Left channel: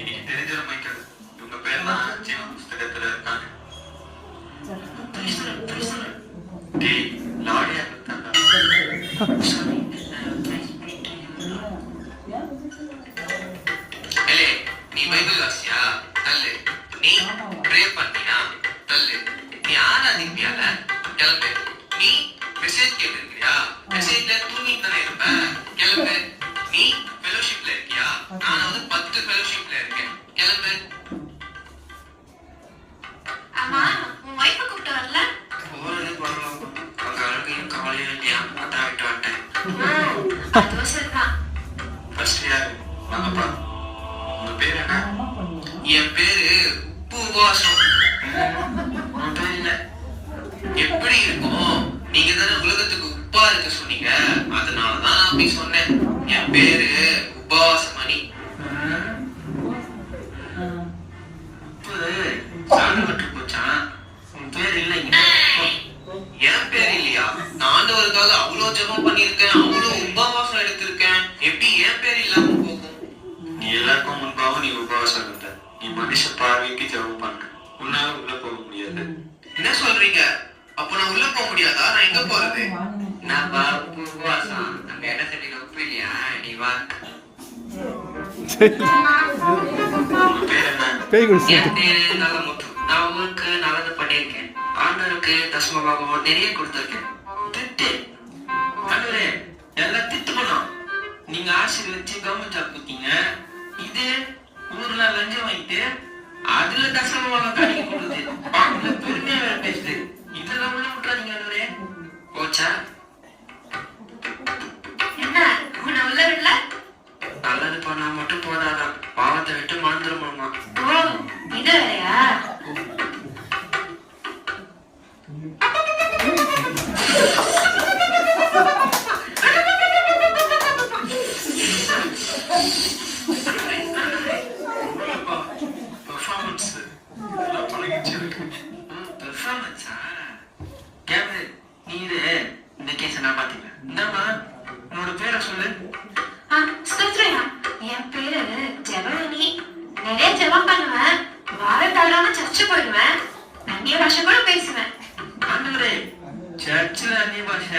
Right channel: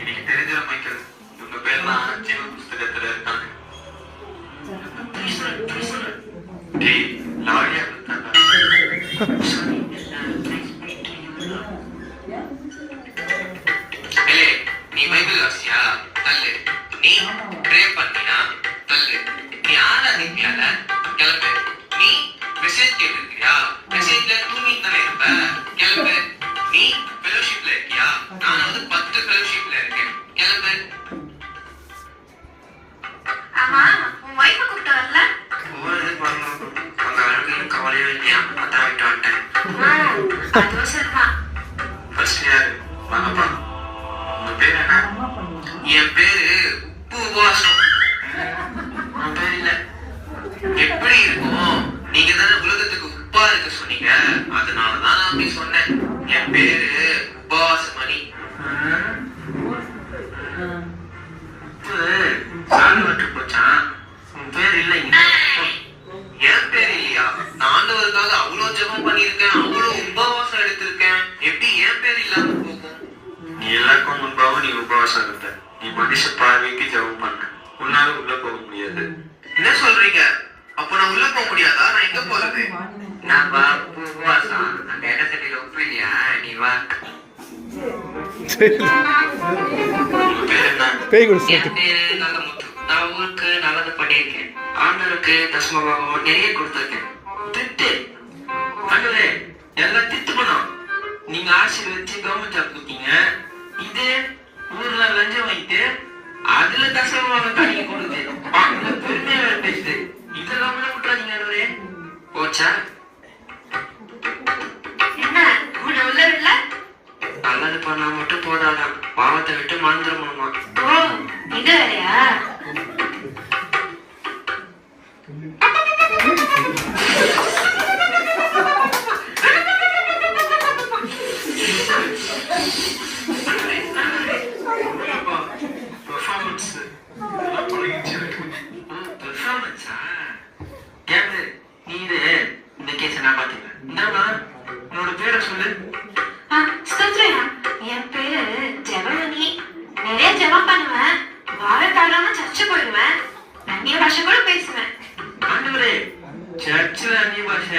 எனக்கு தெரிஞ்ச மைக்கேல் இவங்க பேர்லாம் சின்ன புஸ்தகத்துல இருக்காங்க. லாரியா நீ பைபிள் வாசியா தள்ளு, நீ ப்ரே பண்ணினா தள்ளு, நீ ஆராதிப்பியால கிளம்பு, நீ மெசேஜ் கேட்டிருக்கியா மெசேஜ்ல தூங்கிட்டு தானே இருப்ப கிளம்பு, நீ ஃபெலோஷிப்ல இருக்கியா நான் வந்து 10 ஃபெலோஷிப்ல இருக்கேன் கிளம்பு. ஆமா உன் வைஃபை கூப்பிட்டு வரல? அந்த அளவுக்கு கவலையும் இல்லையா, அதான் விட்டு வந்துட்டேன். அதுவும் சரிதான். ஃபர்ஸ்ட் யாரு வாங்கப்பா, உங்க பேர் என்ன? என் பேரு உபவாசம். உன் பேர் இல்ல எப்படி இருக்கும், நீங்க தானே உலகத்துக்கு உப்பா இருக்க சொன்னீங்க, அதனாலதான் நான் போய் சொன்னேன். என் பேரு உபவாசமணி. உப்பு சாணி விட்டு போச்சான், உன் பேர் இல்லைங்க. என் பேர் இல்லையா, நான் ஆண்டவருக்காக அவ்வளவு ஜெபம் பண்ணிருக்கேன், அவ்வளவு உபவாசம் எடுத்திருக்கேன், எப்படி என் பேர் இல்லாம போகும்? நீ எல்லாருக்கும் முன்பாக நீ உபவாசம் இருக்க, நீ மனுஷ பார்வைக்கு ஜெபம் பண்ண, உன்னால உள்ள போக முடியாது. என்ன சொல்றீங்க? அப்ப நான் உள்ள போக முடியாதா? நான் எங்க போறது? நான் வா உபவாசம், அங்க இடத்துல உப்பு இல்லையா, நீ வா. நல்ல முத்து, நான் ஊருக்கு நல்லது பண்ணியிருக்கேன், ஆண்டவருக்கு தசமபாகம் நிறைய கொடுத்திருக்கேன். திட்டு ஆண்டவரே, எல்லாம் திட்டு பண்ணோம். நீங்க ஆசீர்வதிச்சு கவர்மெண்ட் ஜாப் கொடுத்தீங்க, இது ஊர்ல லஞ்சம் வைத்து அதுல தசமபாகம் காணிக்க கொடுத்து பெருமையா வேற பேசுது. இதெல்லாம் உள்ள விட்டுறாதீங்க ஆண்டவரே. போச்சா? என்ன உன்னை உள்ள விடல? நல்லது பண்ணா மட்டும் போதாதான், பாவத்தை விட்டு மாந்திரமாமா. ஓ இது வேறையா? இந்த கேஸ நான் பாத்தீங்க. உன்னோட பேரை சொல்லு. என் பேரு ஜெபமணி. நிறைய ஜெபம் பண்ணுவேன், வார தவறாம சர்ச்சை போயிடுவேன், அந்நிய பாஷை கூட பேசுவேன். ஆண்டவரே, சர்ச்சில் அந்நிய பாஷை